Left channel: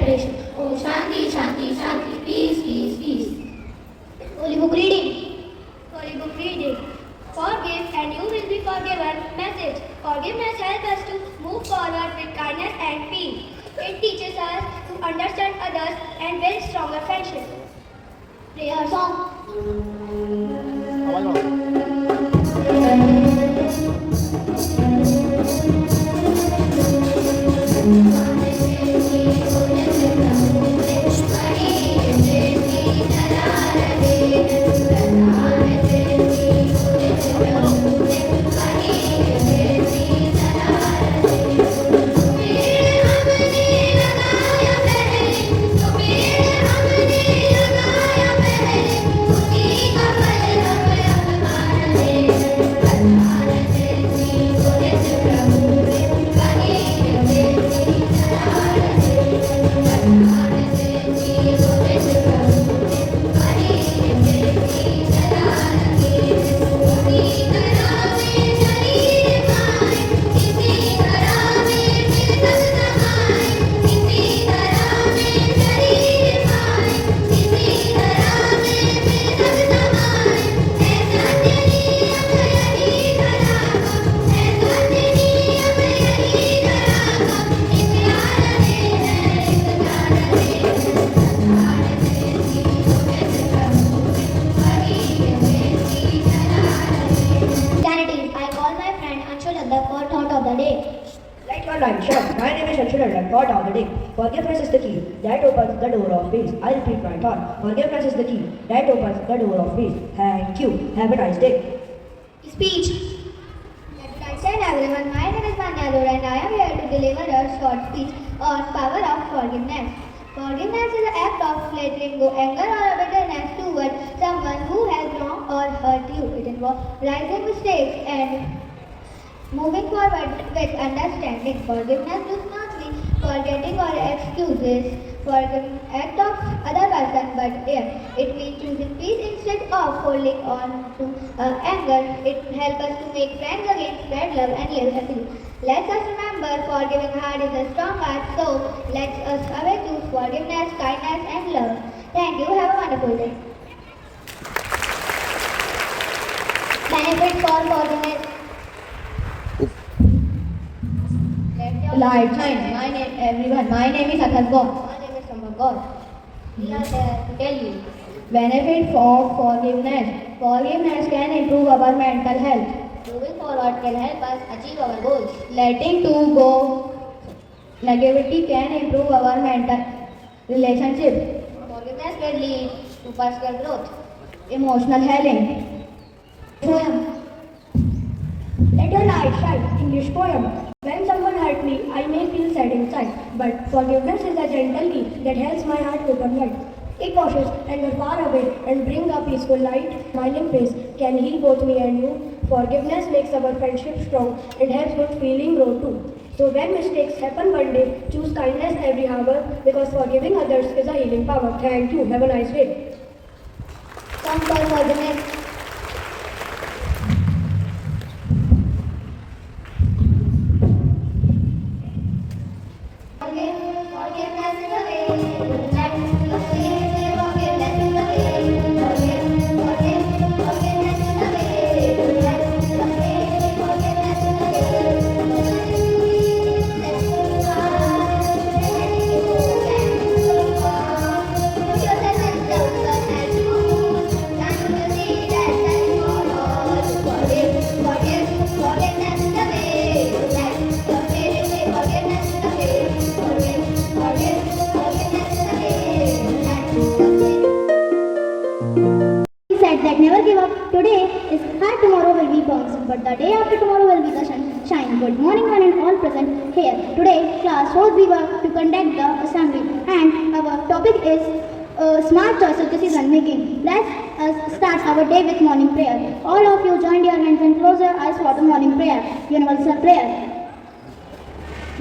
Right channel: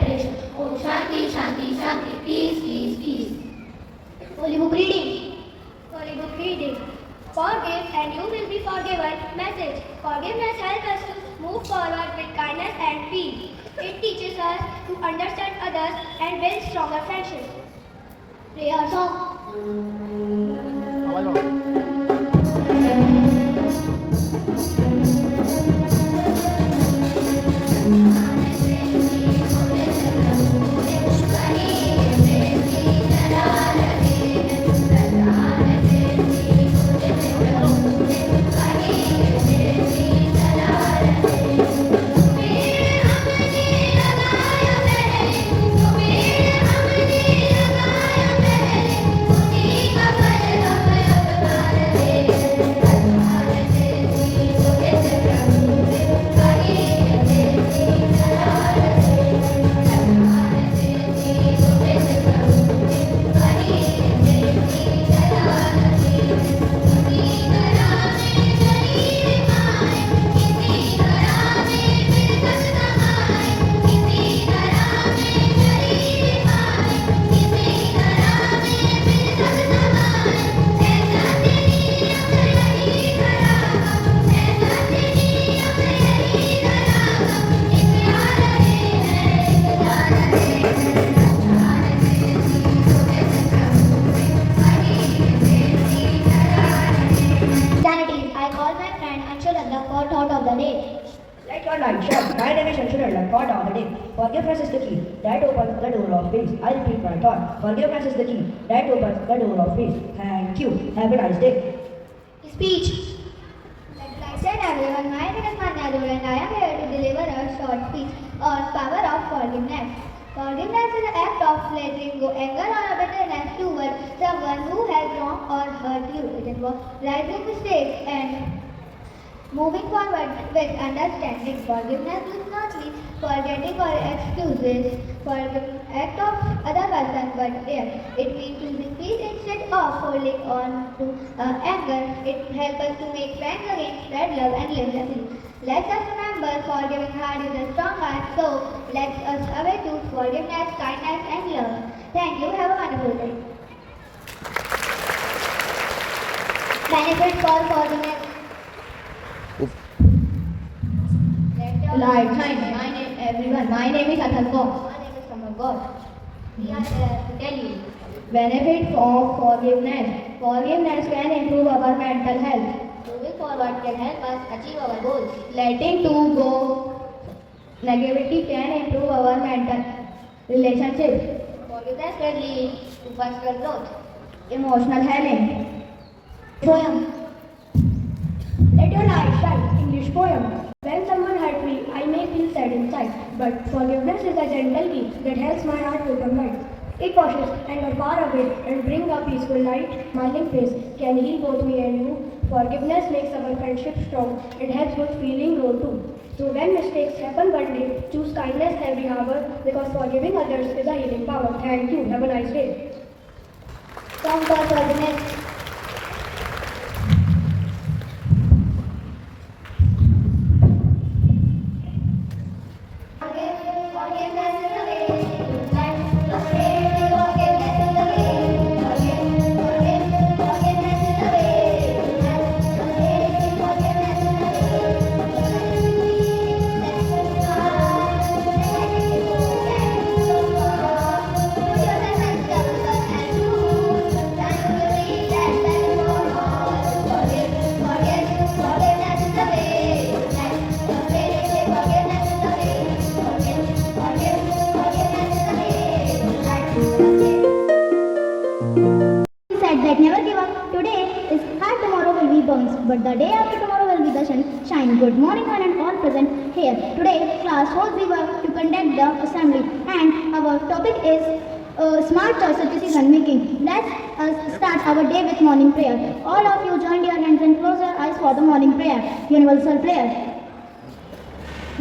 separation. Om Shanti, Shanti, Shanti, peace, peace, peace. Holy Book reading. Holy Book reading. Forgive and you will be forgiven. Message. Forgiveness helps us to move forward with kindness and peace. It teaches us to understand others and build stronger friendships. Prayer song. Forgiveness is the key that opens the door of peace. I repeat my thought. Forgiveness is the key that opens the door of peace. Thank you. Have a nice day. Speech. Hello everyone, my name is Manyador and I am here to deliver a short speech on power of forgiveness. Forgiveness is the act of letting go anger or bitterness toward someone who has wronged or hurt you. It involves realizing mistakes and moving forward with understanding. Forgiveness does not mean forgetting or excuses for the act of other person, but it means choosing peace instead of holding on to anger. It helps us to make friends again, spread love and live happily. Let us remember, forgiving heart is a strong heart, so let us away choose forgiveness, kindness and love. Thank you. Have a wonderful day. Benefits for forgiveness. Light shine. My name is Atharva. My name is Samagor. We are there to tell you. Benefits of forgiveness. Forgiveness can improve our mental health. Moving forward can help us achieve our goals. Letting go negativity can improve our mental relationship. Forgiveness will lead to personal growth. Emotional healing. Poem. Let your light shine. English poem. When someone hurt me, I may feel sad inside, but forgiveness is a gentle key that helps my heart open wide. It washes anger far away and brings a peaceful light. Smiling face can heal both me and you. Forgiveness makes our friendship strong. It helps good feeling grow too. So when mistakes happen one day, choose kindness every hour because forgiving others is a healing power. Thank you. Have a nice day. Song for forgiveness. Smart choice of decision making. Let us start our day with morning prayer. All of you join your hands and close your eyes for the morning prayer. Universal prayer.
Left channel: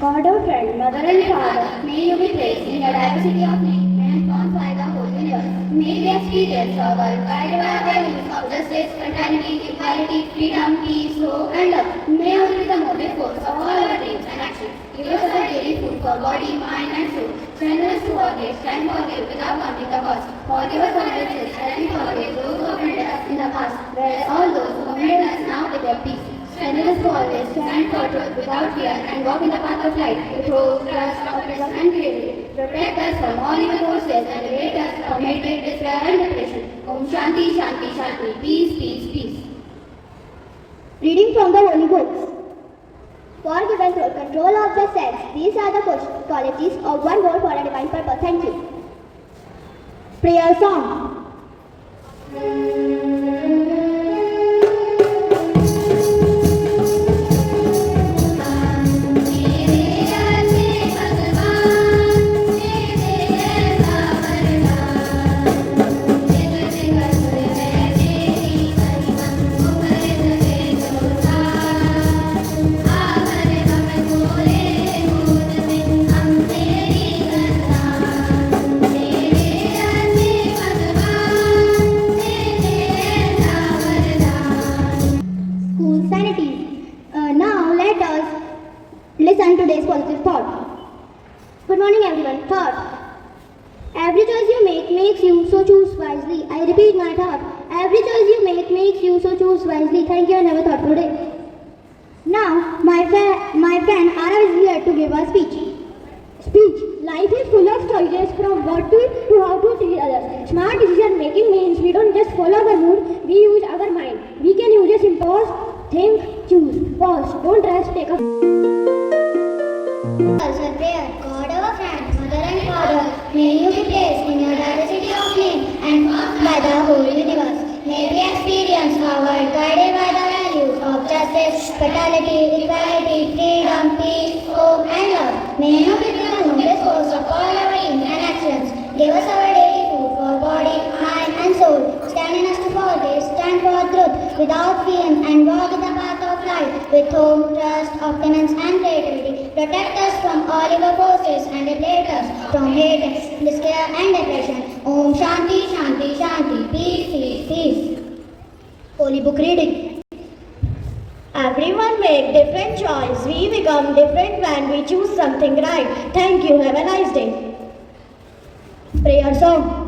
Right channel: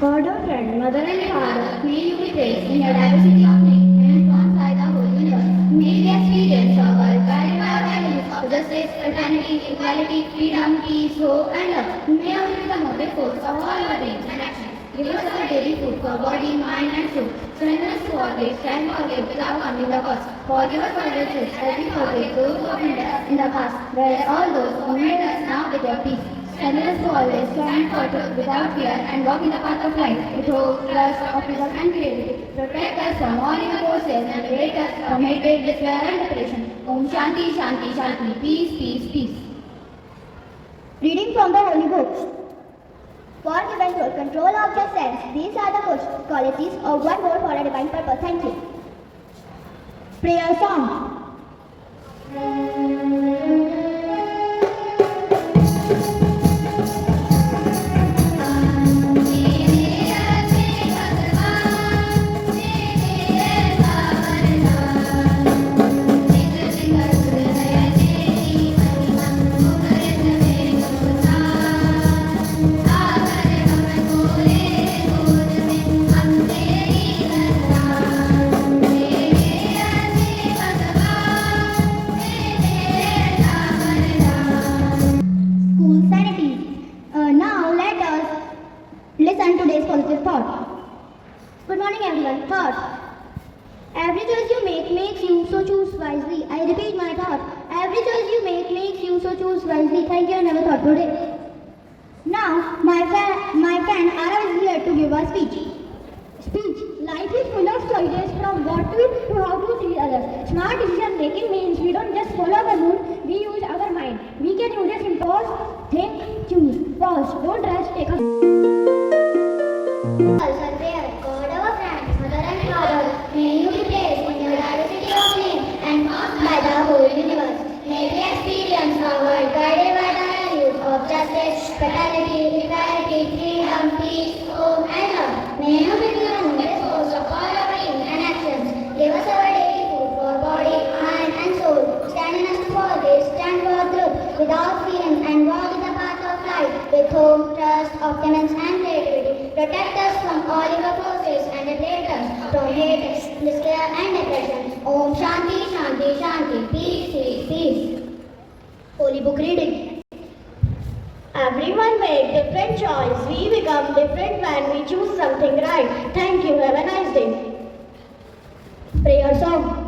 God our friend, Mother and Father, may you be praised in the diversity of name and formed by the whole universe. May the experience of our guided by values of justice, fraternity, equality, freedom, peace, hope, and love. May you be the motive force of all our dreams and actions. Give us our daily food for body, mind, and soul. Strengthen us to forget, and forgive without counting the cost. Forgive us our sins, and we forgive those who have offended us in the past. Bless all those who offended us now with your peace. Strengthen us to always stand for truth without fear and walk in the path of light with hope, trust, optimism, and faith. Protect us from all evil forces and liberate us from hatred, despair, and depression. Om Shanti, Shanti, Shanti. Peace, peace, peace. Reading from the Holy Books. For good and good control of yourselves, these are the qualities of one word for a divine purpose. Thank you. Prayer song. School sanities. Now let us listen to today's positive thought. Good morning everyone. Thought. Every choice you make makes you, so choose wisely. I repeat my thought. Every choice you make makes you, so choose wisely. Thank you, I never thought today. Now, my friend Arav is here to give a speech. Speech. Life is full of choices from what to eat to how to treat others. Smart decision making means we don't just follow our mood, we use our mind. We can use this in pause, think, choose, pause. Don't rush, take a Sir, prayer. God our friend, mother and father, may you be placed in the diversity of name and marked by the whole universe. May we experience our world guided by the values of justice, fraternity, equality, freedom, peace, hope, and love. May you be the luminous source of all our dreams and actions. Give us our daily food for body, mind, and soul. Stand us to forgive, stand for truth without fear, and walk in the path of light with hope, trust, optimism, and creativity. Protect us from all evil forces and liberate us from hate, despair, and depression. Om Shanti, Shanti, Shanti. Peace, peace, peace. Holy Book reading. Everyone make different choice. We become different when we choose something right. Thank you. Have a nice day. Prayer song.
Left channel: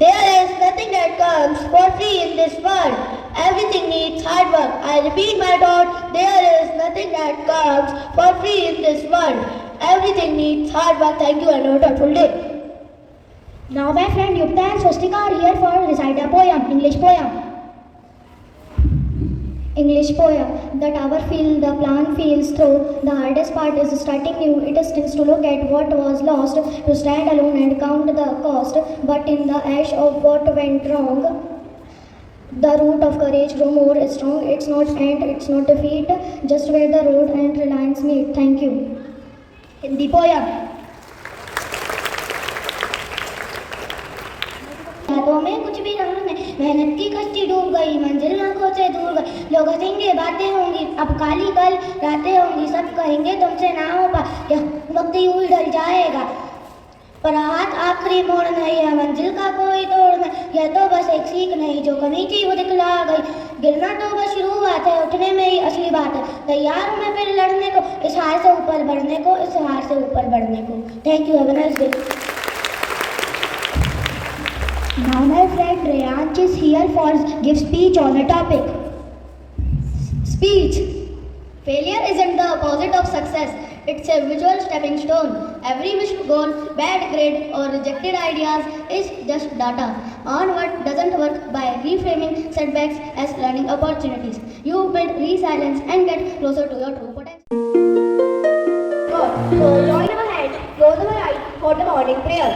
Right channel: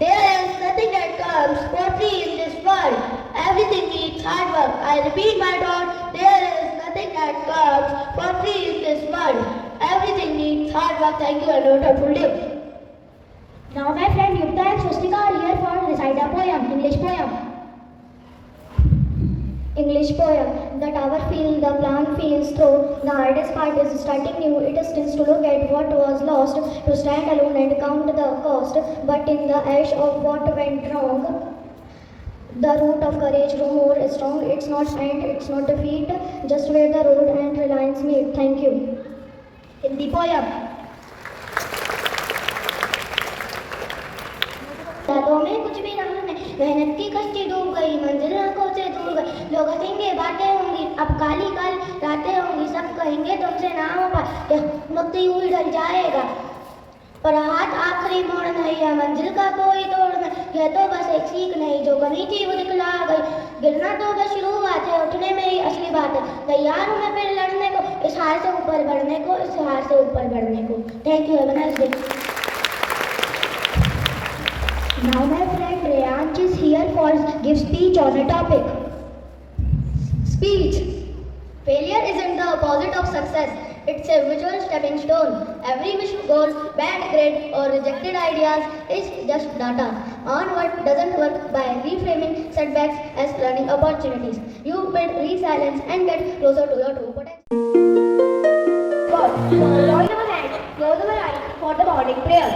There is nothing that comes for free in this world. Everything needs hard work. I repeat my thought. There is nothing that comes for free in this world. Everything needs hard work. Thank you and have a thoughtful day. Now my friend Yukta and Swastika are here for recite a poem, English poem. English poem. The tower feels, the plan feels through. The hardest part is starting new. It stings to look at what was lost, to stand alone and count the cost. But in the ash of what went wrong, the root of courage grow more strong. It's not end, it's not defeat, just where the road and lines meet. Thank you. Hindi poem. बातों में कुछ भी रंग में मेहनत की कश्ती डूब गई, मंजिल आंखों से दूर गई. लोग हंसेंगे, बातें होंगी, अब काली कल रातें होंगी. सब कहेंगे तुमसे ना हो पाए, यह वक्त यूं डर जाएगा. पर हाथ आखिरी मोड़ नहीं है, मंजिल का कोई तोड़ नहीं. यह तो बस एक सीख नहीं, जो कमी थी वो दिखला गई. गिरना तो बस शुरुआत है, उठने में ही असली बात है. तैयार हूं मैं फिर लड़ने को, इस हार से ऊपर बढ़ने को, इस हार से ऊपर बढ़ने को. Thank you. Have a nice day. Now my friend Reyansh is here for give speech on a topic. Speech. Failure isn't the opposite of success. It's a visual stepping stone. Every missed goal, bad grade or rejected ideas is just data on what doesn't work by reframing setbacks as learning opportunities. You build resilience and get closer to the true potential. God, so Lord in our hands, close our eyes for the morning prayer.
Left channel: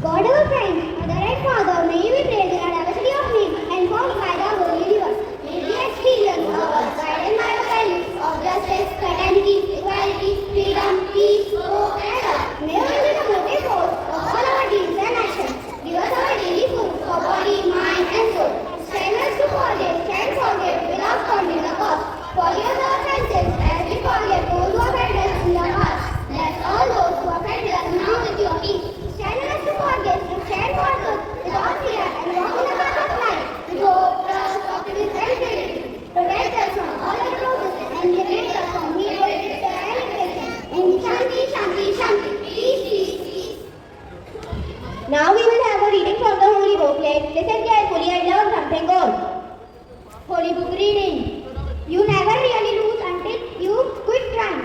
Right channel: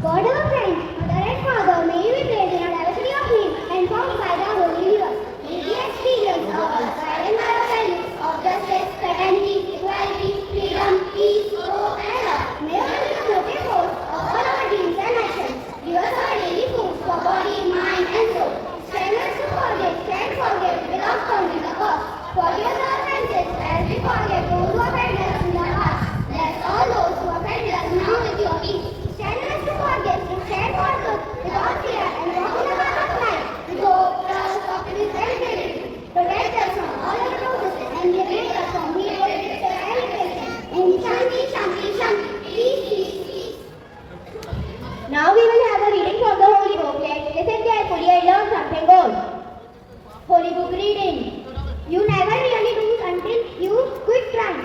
God our friend, Mother and Father, may you be praised in our diversity of needs and formed by the Holy River. May we experience the guided by our values of justice, fraternity, equality, freedom, peace, hope, and love. May we be the motive force of all our deeds and actions. Give us our daily food for body, mind, and soul. Strengthen us to forgive without counting the cost. Forgive us our offenses as we forgive those who offend us in the past. Let all those who offend us now with your peace. Strengthen us to forgive, to stand for good, without fear, and walk in the path of life, with hope, trust, optimism, and charity. Protect us from all evil and liberate us from evil, despair, and depression. In Shanti, Shanti, Shanti. Peace, peace, peace. Now we will have a reading from the Holy Book. Let's listen carefully and learn something good. Holy Book reading. You never really lose until you quit trying.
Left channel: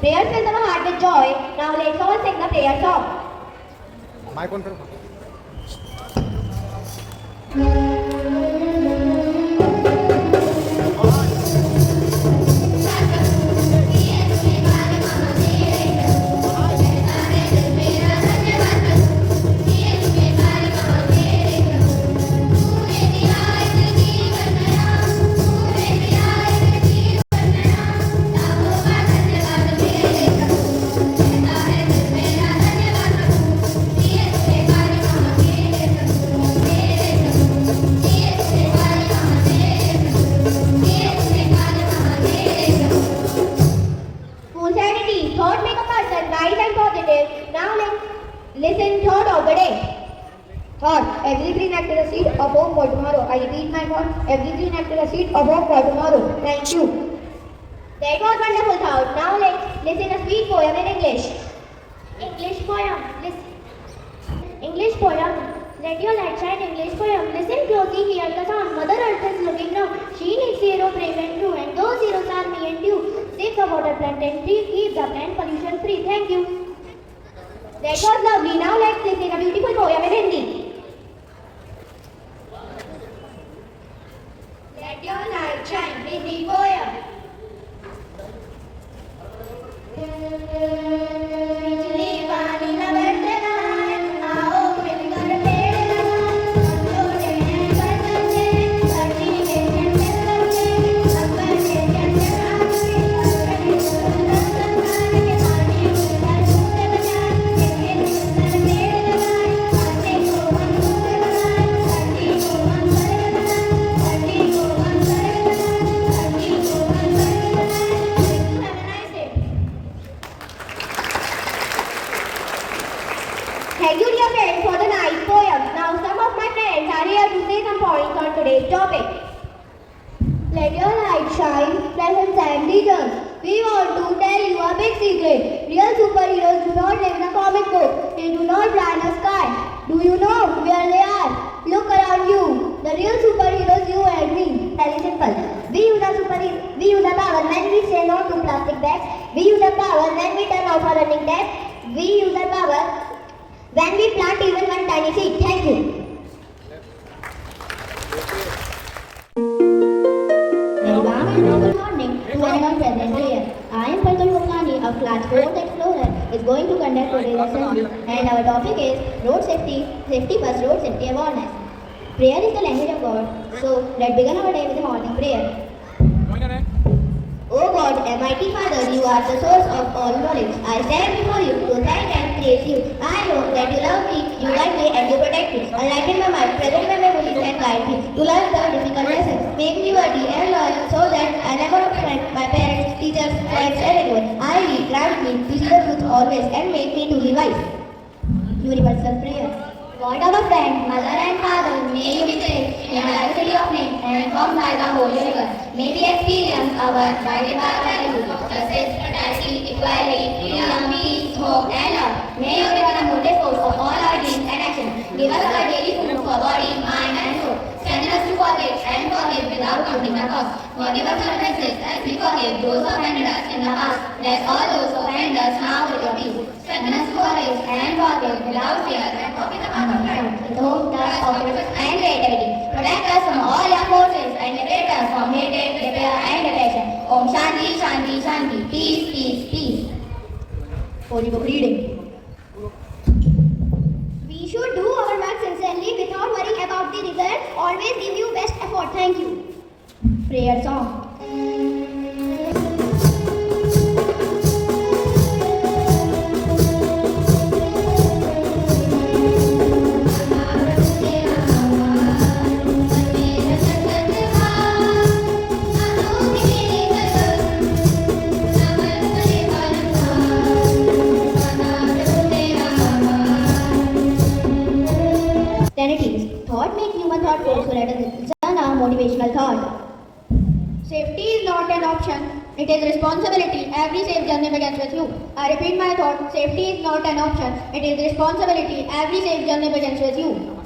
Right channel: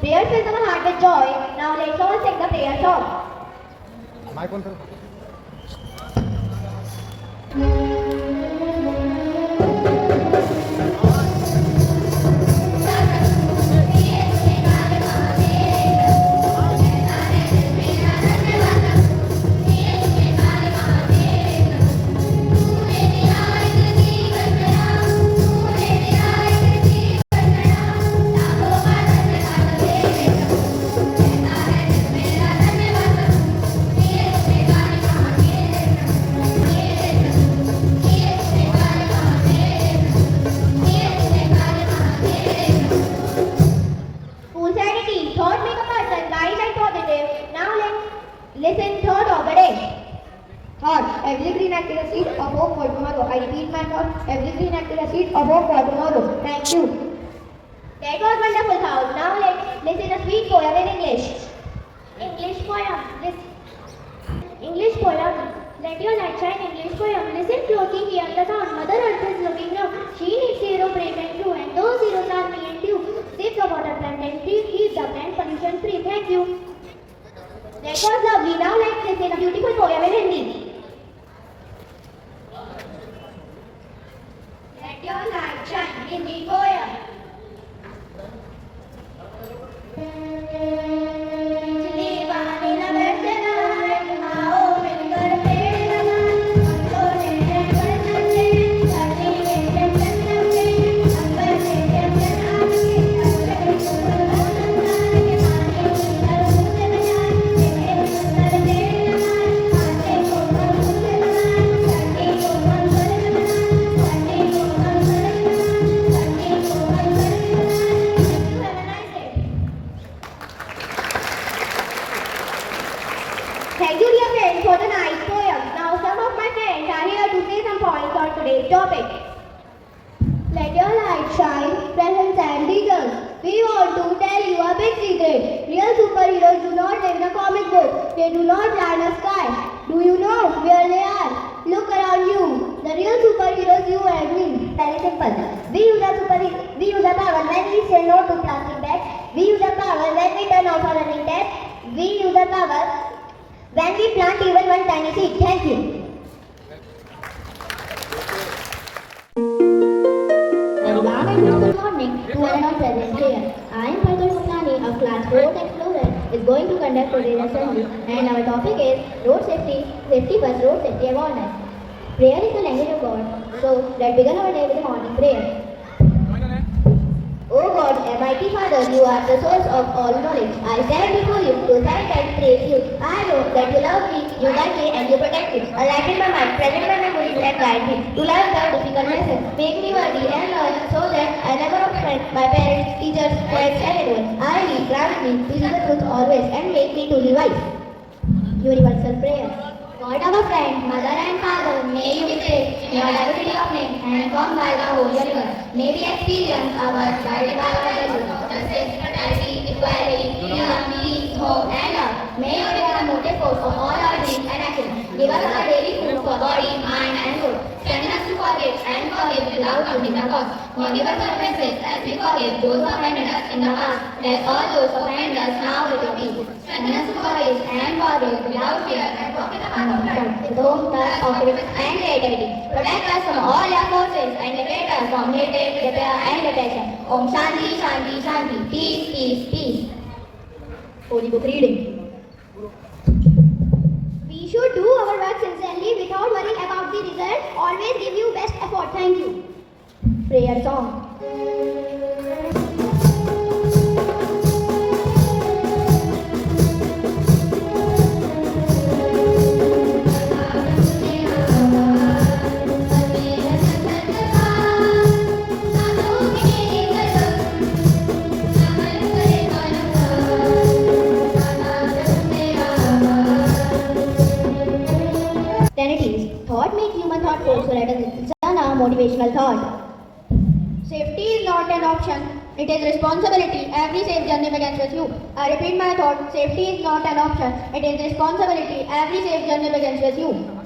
Prayer fills our heart with joy. Now let's all sing the prayer song. Mic on करो. School sanity. Thought make a person bright and positive. Now let's listen thought of the day. Thought. Every green act is a seed of hope for tomorrow. I repeat my thought. Every green act is a seed of hope for tomorrow. Thank you. That was wonderful thought. Now let's listen a sweet poem in English. English poem. English poem. Let your light shine. English poem. Listen closely, hear the sound. Mother Earth is looking down. She needs zero, brave and true. And those zeros are me and you. Save the water, plant and tree. Keep the plant pollution free. Thank you. That was lovely. Now let's listen a beautiful poem in Hindi. Let your light shine. Hindi poem. बिजली वाली लहर जलाए, आओ मिलकर पेड़ लगाए, हम जोड़े हैं बंधन से, धरती के चंचल से, अंबर के चंचल से, अपने सुंदर संसार के पानी सुंदर फूल बनाए, इतने सुंदर पेड़ लगाए, पानी को हम फूल बनाए, धरती को हम स्वर्ग बनाए, धरती को हम स्वर्ग बनाए, धरती को हम स्वर्ग बनाए. Thank you, dear friends, for the nice poem. Now some of my friends are here to say some points on today's topic. Let your light shine, presents and teachers. We want to tell you a big secret. Real superheroes do not live in a comic book. They do not fly in the sky. Do you know where they are? Look around you. The real superheroes, you and me. Very simple. We use the power when we say no to plastic bags. We use the power when we turn off our running tap. We use the power when we plant even one tiny seed. Thank you. Good morning to everyone present here. I am Pankaj Gopani of class 4th at Florence is going to conduct today's assembly and our topic is road safety, safety first, road safety awareness. Prayer is the language of God, so let's begin our day with a morning prayer. O God, Almighty Father, you are the source of all knowledge. I stand before you to thank and praise you. I know that you love me, you guide me, and you protect me. Align my mind, present my memories, and guide me to learn the difficult lessons. Make me worthy and loyal so that I never offend my parents, teachers, friends, and anyone. I read, grant me to see the truth always, and make me truly wise. Universal prayer. God our friend, mother and father, may you be saved in our diversity of name and informed by the Holy River. May we experience our guided by values, justice, fraternity, equality, freedom, peace, hope, and love. May you become a motive force of all our dreams and actions. Give us our daily food for body, mind, and soul. Strengthen us to forgive and forgive without counting the cost. Forgive us our offenses as we forgive those who offended us in the past. Let all those who offend us now with your peace. Strengthen us to forgive and forgive without fear and walk in the path of life with hope, trust, optimism, and creativity. Protect us from all our forces and Shanti, Shanti, Shanti. Peace, peace, peace. Holy Book reading. We should do our work sincerely without worrying about the result. Always give your best effort. Thank you. Prayer song. Narratives. Thought makes human thoughtful. So let us listen now motivational thought. Safety is not an option, it is responsibility. Every safe journey begins with you. I repeat my thought, safety is not an option, it is responsibility. Every safe journey begins with you.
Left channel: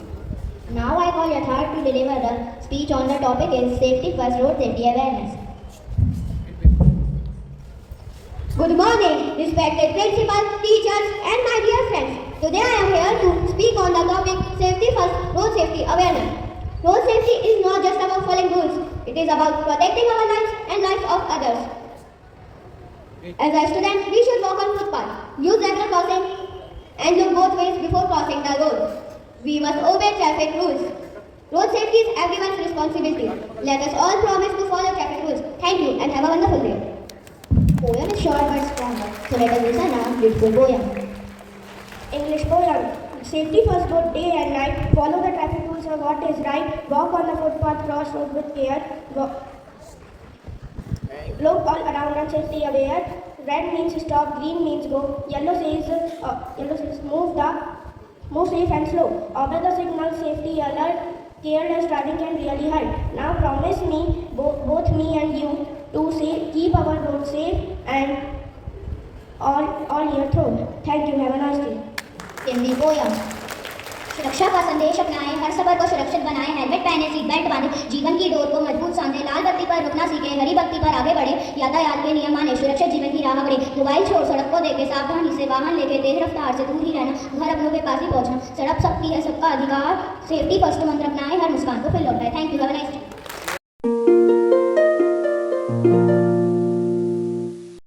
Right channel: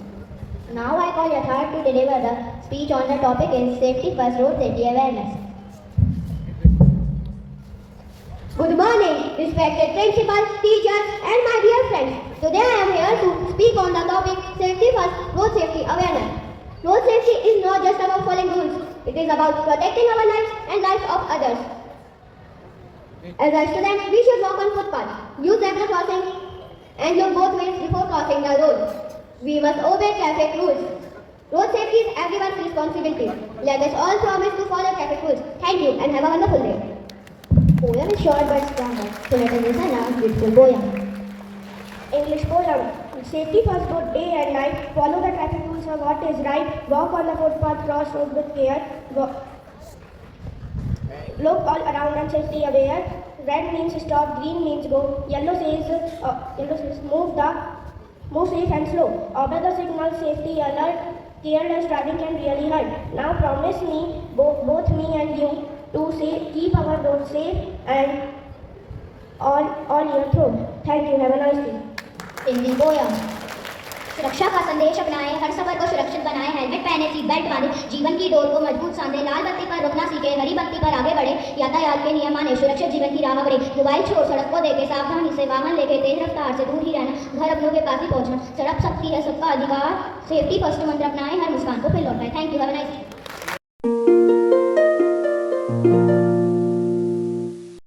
Now I call Yatharth to deliver the speech on the topic is safety first, road safety awareness. Good morning, respected principals, teachers, and my dear friends. Today I am here to speak on the topic safety first, road safety awareness. Road safety is not just about following rules, it is about protecting our lives and lives of others. As a student, we should walk on footpath, use zebra crossing, and look both ways before crossing the road. We must obey traffic rules. Road safety is everyone's responsibility. Let us all promise to follow traffic rules. Thank you and have a wonderful day. Poem is short but strong. So let us listen now beautiful poem. English poem. Safety first, good day and night. Follow the traffic rules of what is right. Walk on the footpath, cross road with care. Look all around and safety aware. Red means stop, green means go. Yellow says move safe and slow. Obey the signal, safety alert. Careless driving can really hurt. Now promise me, both me and you, to keep our road safe and all year through. Thank you. Have a nice day. Hindi poem. सुरक्षा का संदेश अपनाएं, हर सफर को सुरक्षित बनाएं, helmet पहने, seat belt बांधे, जीवन की डोर को मजबूत सांधे, लाल बत्ती पर रुकना सीखे, हरी बत्ती पर आगे बढ़े, यातायात के नियम माने, सुरक्षित जीवन की राह बढ़े, मोबाइल छोड़ सड़क को देखे, सावधानी से वाहन लेके, तेज रफ्तार से दूर ही रहना, घर अपनों के पास ही पहुंचना, सड़क सबकी है सबका अधिकार, सेफ्टी फर्स्ट मंत्र अपनाएं, हर मुस्कान को फिर लौटाएं. Thank you. Have a nice day.